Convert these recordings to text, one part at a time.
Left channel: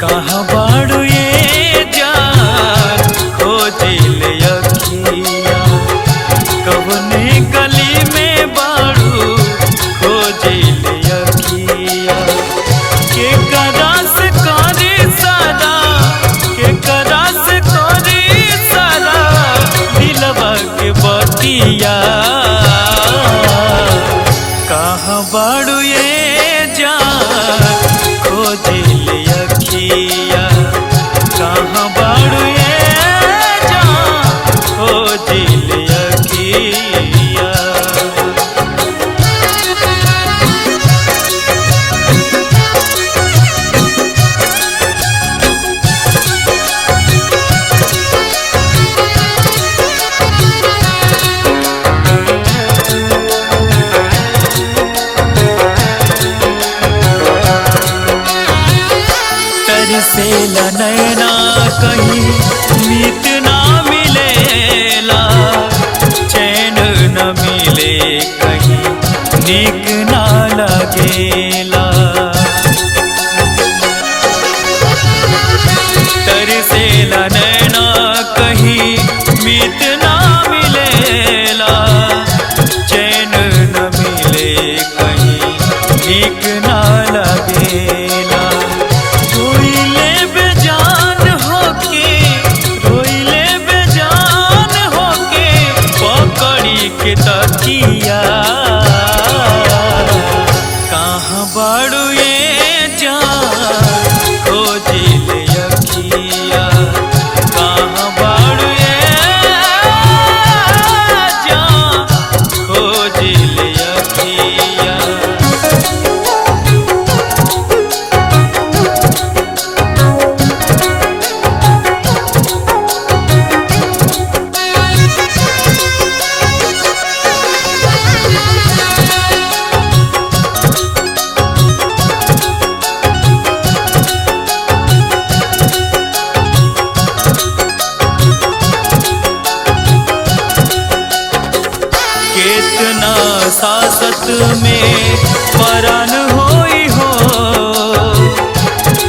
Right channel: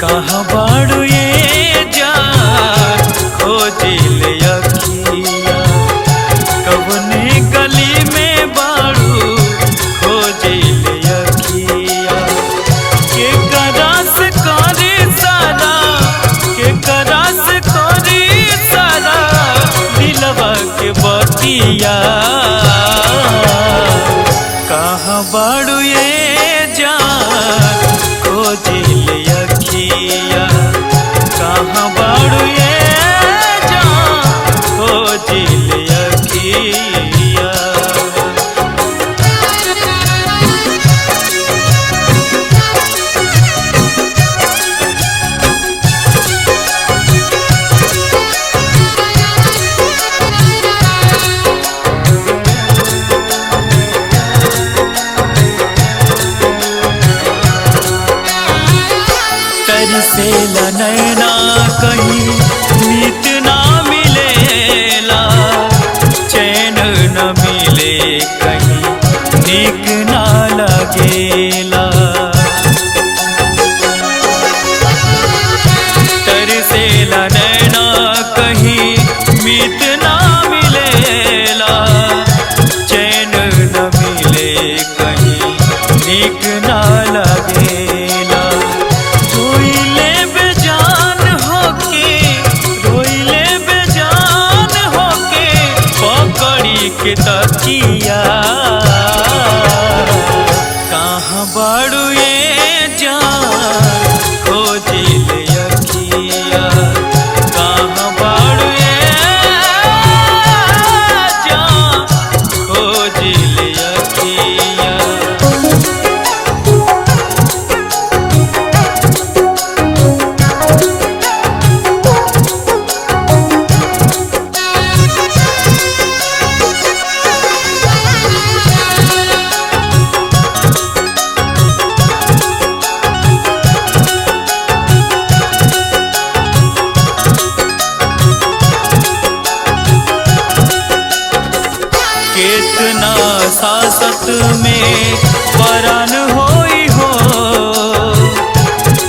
कहाँ बाड़ू ये जान खोजिल अखिया, कवने गली में बाड़ू खोजिल अखिया। के करास करी सारा, के करास करी सारा दिलवा के बतिया। कहाँ बाड़ू ये जान खोजिल अखिया, कहाँ बाड़ू ये जान खोजिल अखिया। तरसेला नैना कहीं मीत ना मिलेला, चैन न मिले कहीं नीक ना लगेला। तरसेला नैना कहीं मीत ना मिलेला, चैन न मिले कहीं नीक ना लगेला। रोइले बेजान होके, रोइले बेजान होके पकड़ी के तकिया। कहाँ बाड़ू ये जान खोजिल अखिया, कहाँ बाड़ू ये जान खोजिल अखिया। कितना सासत में परान होई हो,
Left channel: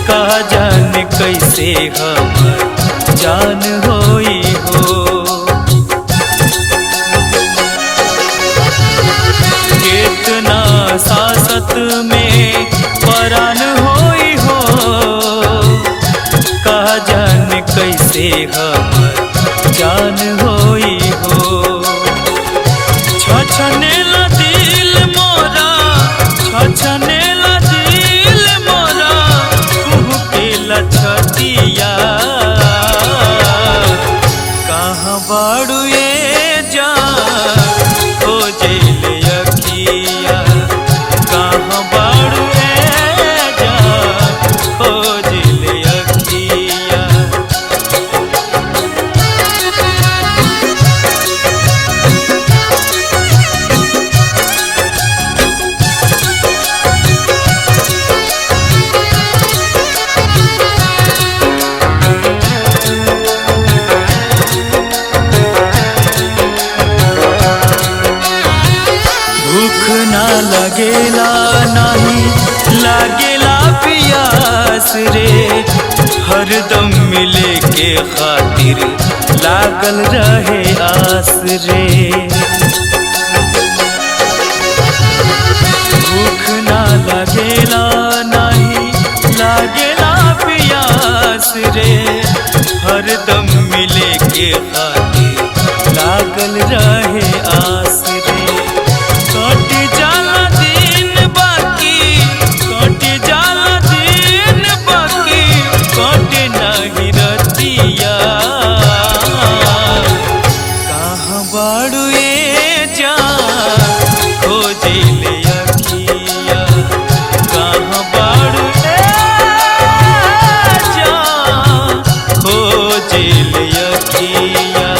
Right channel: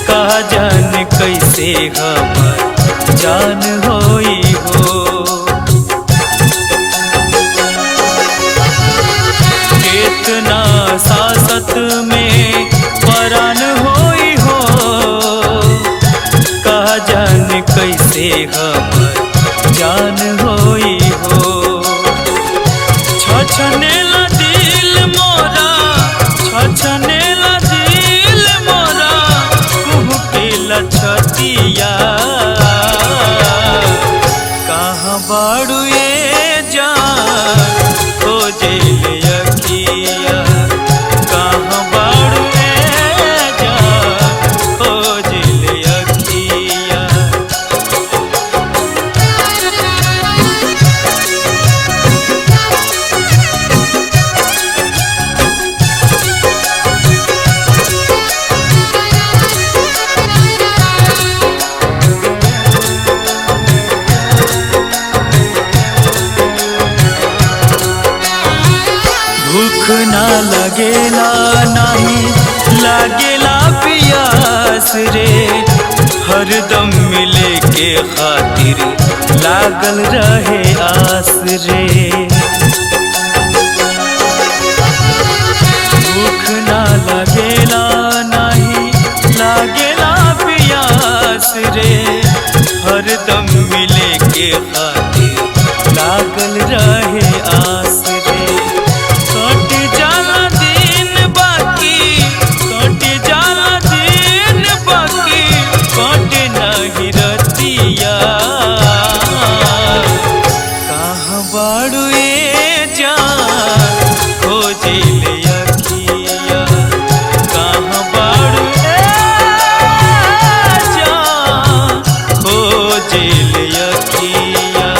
कहा जान कैसे हमर जान होई हो। कितना सासत में परान होई हो, कहा जान कैसे हमर जान होई हो। छछनेला दिल मोरा, छछनेला दिल मोरा कुहकेला छतिया। कहाँ बाड़ू ये जान खोजिल अखिया, कहाँ बाड़ू ये जान खोजिल अखिया। भूख ना लगेला नाही लागेला पियास रे, हरदम मिले के खातिर लागल रहे आस रे। भूख ना लगेला नाही लागेला पियास रे, हरदम मिले के खातिर लागल रहे आस रे। कट जाला दिन बाकी, कट जाला दिन बाकी, कट नहीं रतिया। कहाँ बाड़ू ये जान खोजिल अखिया, कहाँ बाड़ू ये जान खोजिल अखिया।